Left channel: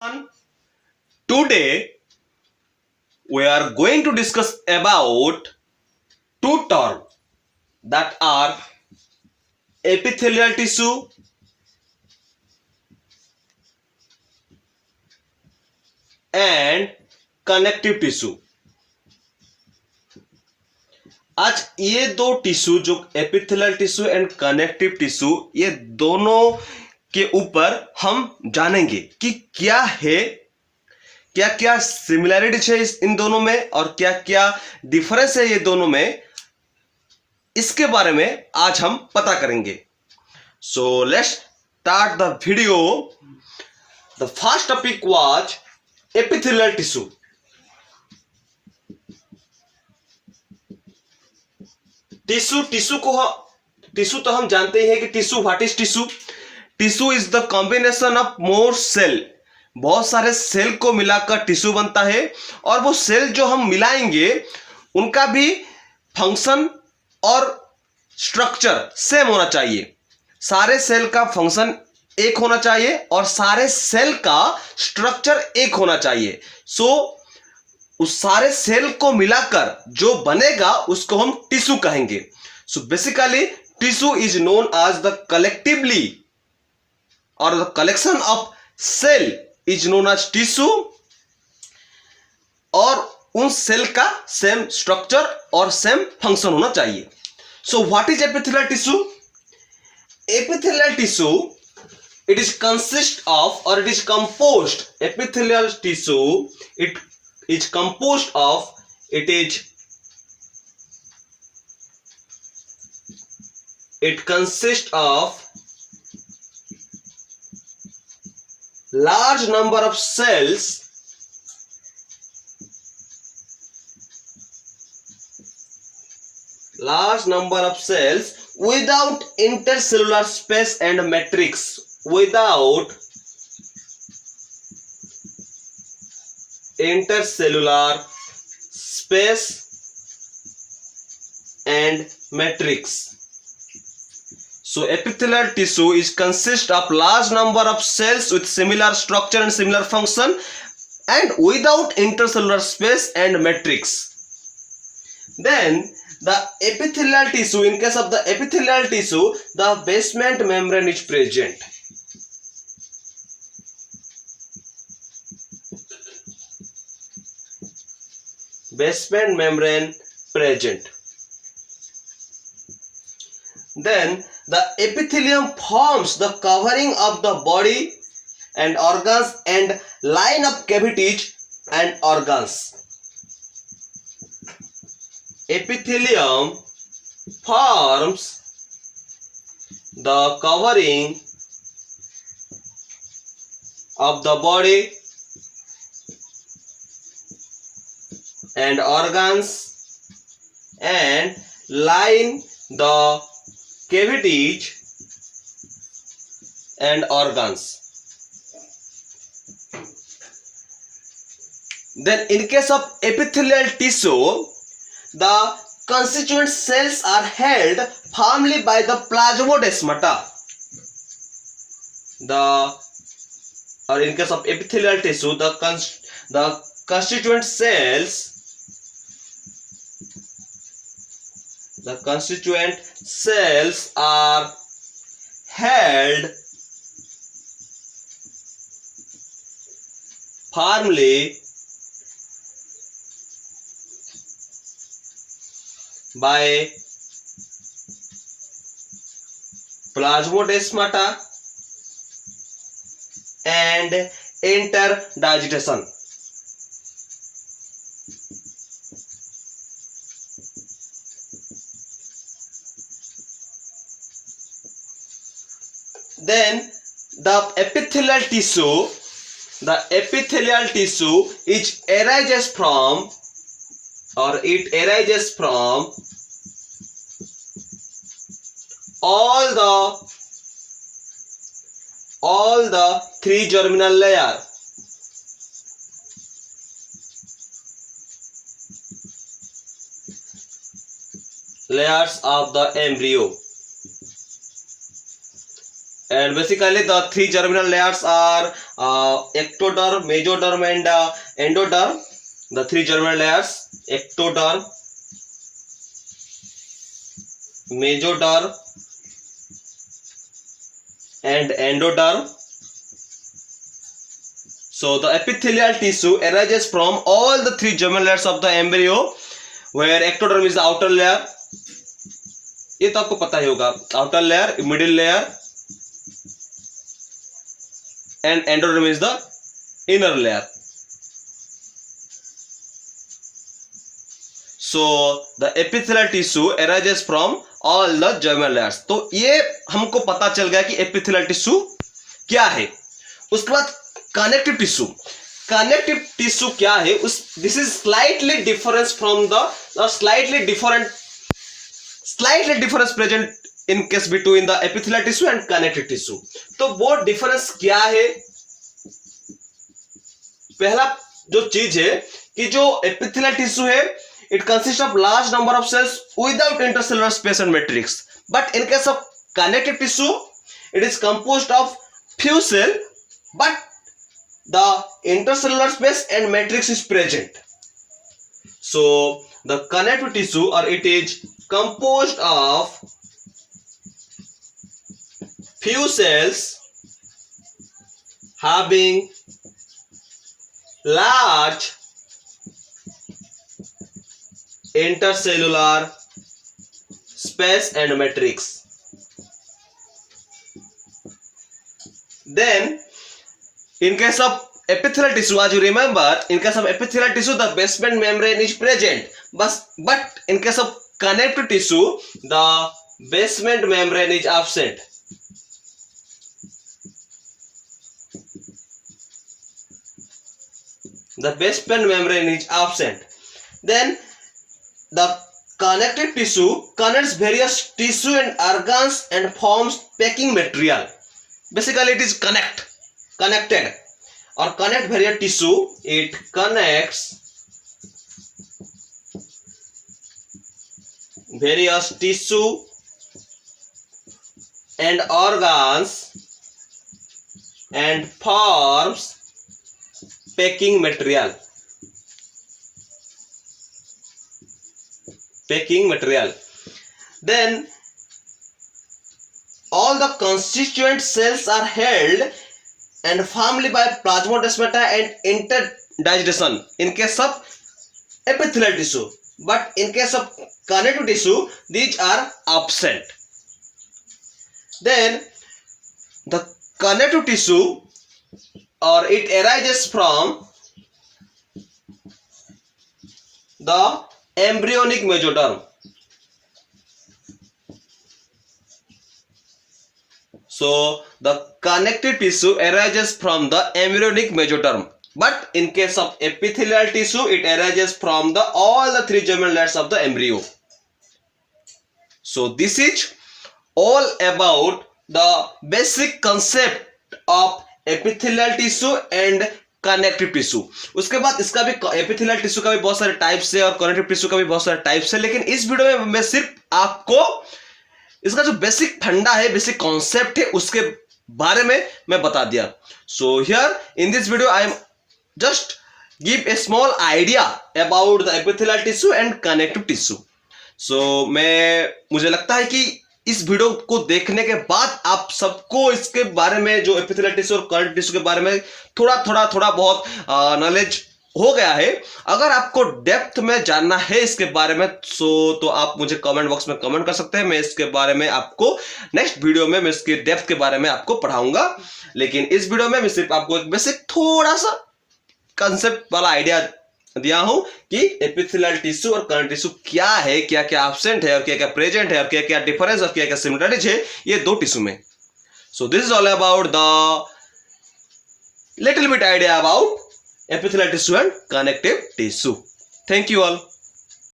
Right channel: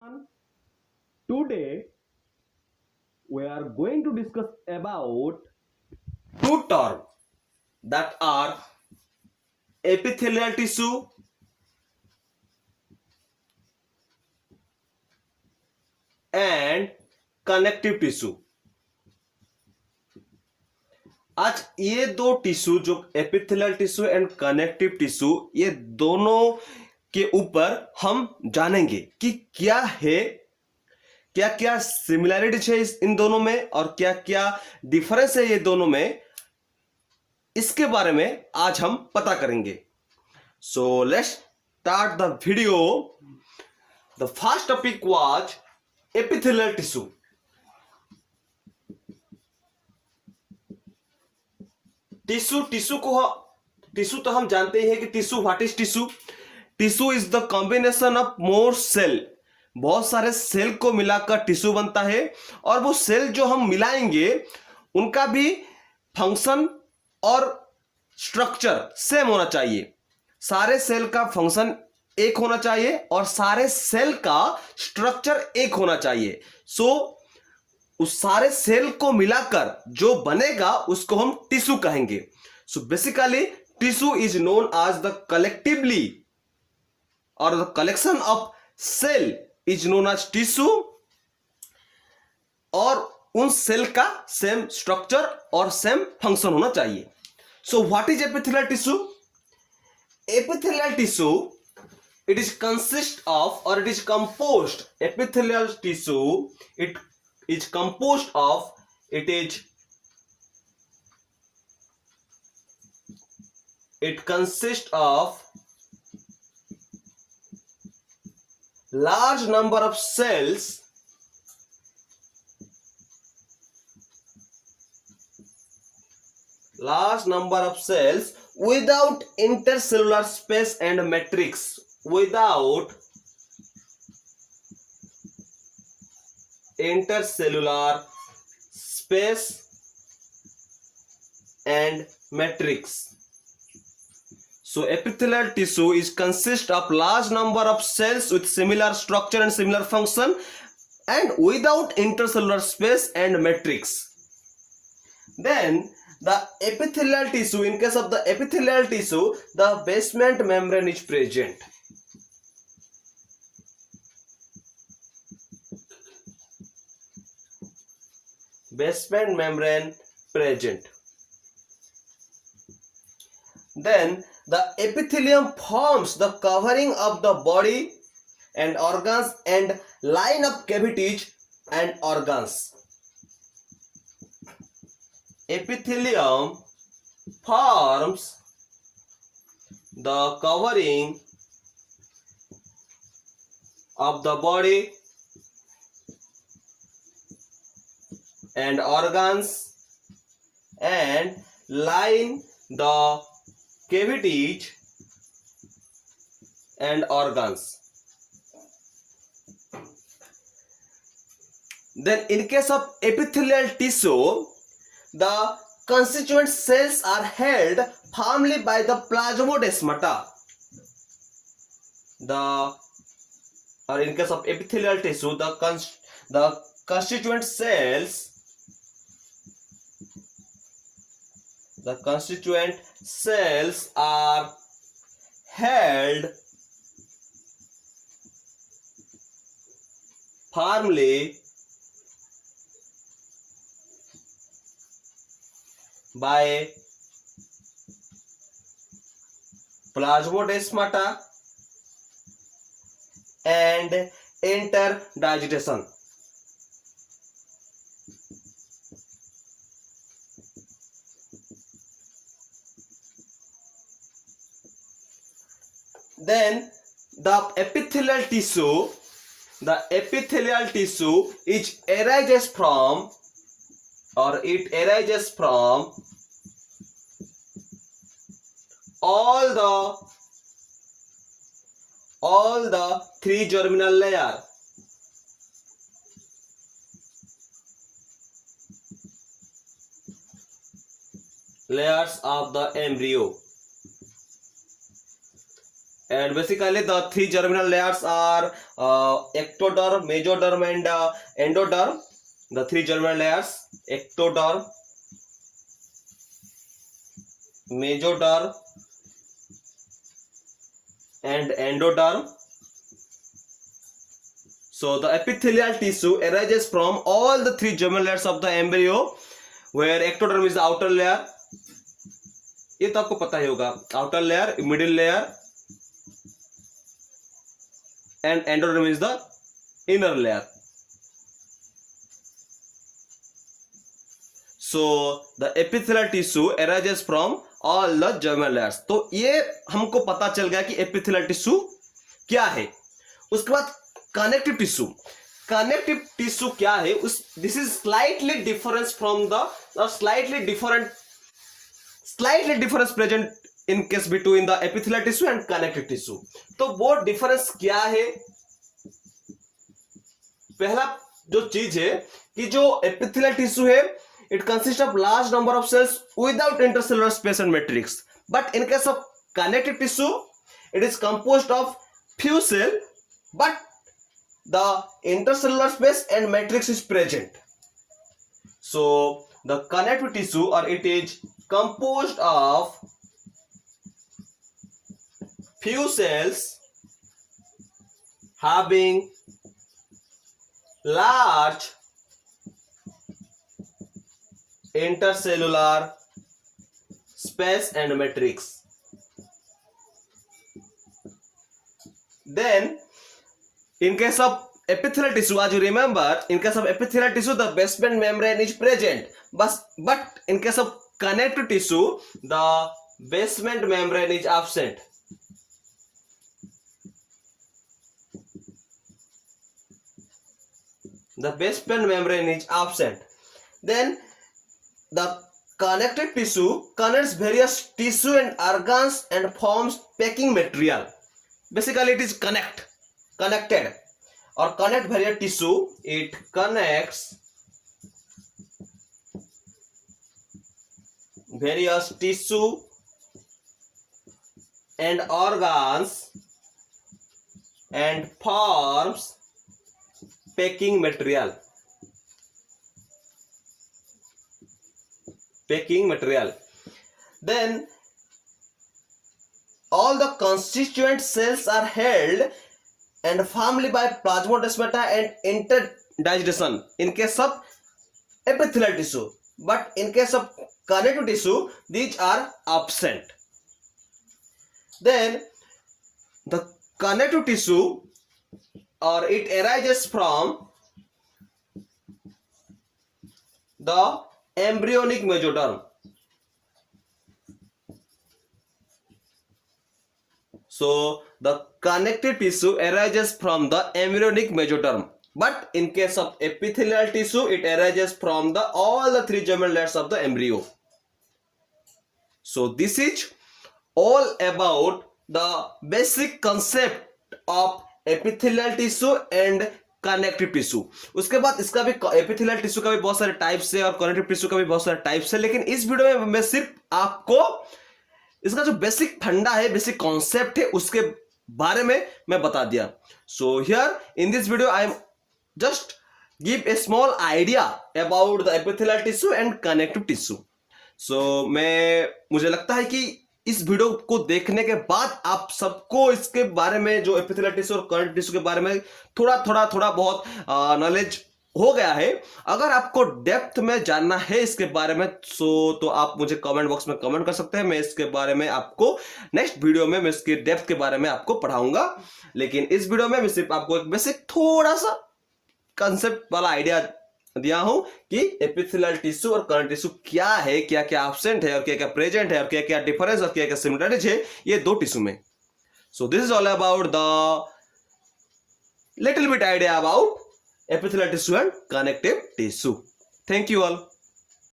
Today we are going to discuss about two terms that are epithelial tissue and connective tissue. आज ये दो tissue जो epithelial tissue and connective tissue ये दोनों के ऊपर हम जानेंगे कि क्या है, क्या क्या सिमिलैरिटीज है इन दोनों में और क्या क्या डिफरेंस है ये दोनों में, इसके बारे में आज हम पता करेंगे. So let's start the video. The first topic was epithelial tissue. Tissue तो हम जानते हैं कि tissue, what is tissue? Tissue is the combination of more cell. बहुत सारे सेल को मिलाकर टिश्यू बनता है और वो सेल जो हम मिलाएंगे उनका भी फंक्शन और स्ट्रक्चर सेम होना चाहिए. सारे सेल का फंक्शन एक होना चाहिए और सारे सेल का स्ट्रक्चर एक होना चाहिए. उस सारे सेल को मिलाकर जो बनेगा उसको हम टिश्यू कहेंगे. So basically tissue is known as the collectively और the collection of cell is known as tissue और उन सेल का सेम स्ट्रक्चर और सेम फंक्शन होना चाहिए. So what is epithelial tissue? Epithelial tissue, it is consist of or it is composed. Epithelial tissue, it is composed of, it consists of large number of cells without intercellular space and matrix. Without intercellular space and matrix. So epithelial tissue is consist of large number of cells with similar structure and similar function and without intercellular space and matrix. Then the epithelial tissue, in case of the epithelial tissue, the basement membrane is present. Basement membrane present. Then the epithelium forms the covering of the body and organs and line of cavities and organs. Epithelium forms the covering of the body and organs and line the cavities and organs. Then in case of epithelial tissue, the constituent cells are held firmly by the plasmodesmata. In case of epithelial tissue, the constituent cells are held firmly by plasmodesmata and interdigitation. Then the epithelial tissue is arises from all the three germinal layers of the embryo. and basically the three germinal layers are ectoderm, mesoderm and endoderm. The three germinal layers: ectoderm, mesoderm and endoderm. So the epithelial tissue arises from all the three germinal layers of the embryo, where ectoderm is the outer layer. ये तो आपको पता ही होगा, outer layer, middle layer and endoderm is the inner layer. So the epithelial tissue arises from all the germinal layers. तो ये हमको पता चल गया कि epithelial tissue क्या है. उसके बाद connective tissue. Connective tissue क्या है? This is slightly difference from the slightly difference present in case between the epithelial tissue and connective tissue. तो वो difference क्या है? पहला जो चीज है कि जो epithelial tissue है, it consists of large number of cells without intercellular space and matrix. But in case of connective tissue, it is composed of few cells, but the intercellular space and matrix is present. So the connective tissue, or it is composed of few cells having large intercellular space and matrix. Then in case of epithelial tissue, as you remember, in case of epithelial tissue the basement membrane is present, but in case of connective tissue the basement membrane is absent. The basement membrane is absent. Then the connective tissue connects various tissue and organs and forms packing material. Basically it is connected or connect various tissue. It connects various tissue and organs and forms packing material. Then all the constituent cells are held and formed by plasmodesmata and interdigestion in case of epithelial tissue, but in case of connective tissue these are absent. Then the connective tissue, or it arises from the embryonic mesoderm. So the connective tissue arises from the embryonic mesoderm, but in case of epithelial tissue it arises from the all the three germinal layers of the embryo. So this is all about the basic concept of epithelial tissue and connective tissue. उसके बाद इसका भी epithelial tissue का भी बहुत सारे types है और कनेक्टिव टिश्यू का भी बहुत सारे टाइप्स है, लेकिन इस वीडियो में मैं सिर्फ आपको इसका जो बेसिक फंडा है, बेसिक कॉन्सेप्ट है, उसके बारे में मैं बता दिया. So here in this video I am just give a small idea about the epithelial tissue and connective tissue. So मुझे लगता है कि इस वीडियो को देखने के बाद आप सबको इसके बारे में, जो एपिथेलियल टिश्यू और कनेक्टिव टिश्यू के बारे में थोड़ा बहुत नॉलेज हो गया है. अगर आपको डेप्थ में जानना है इसके बारे में तो आप मुझे कमेंट बॉक्स में कमेंट कर सकते हैं. मैं इसके बारे में आपको नेक्स्ट वीडियो में मैं इसके डेप्थ के बारे में आपको पढ़ाऊंगा, लेकिन इस वीडियो में मैं सिर्फ आपको एक बेसिक थोड़ा सा कंसेप्ट वाला आइडिया दिया हूं कि एपिथेलियल टिश्यू और कनेक्टिव टिश्यू क्या है, क्या क्या एब्सेंट है और क्या क्या प्रेजेंट है और क्या क्या डिफरेंस और क्या क्या सिमिलरिटीज है ये दो टिश्यू में. So this is all about the little bit idea about epithelial tissue and connective tissue. Thank you all.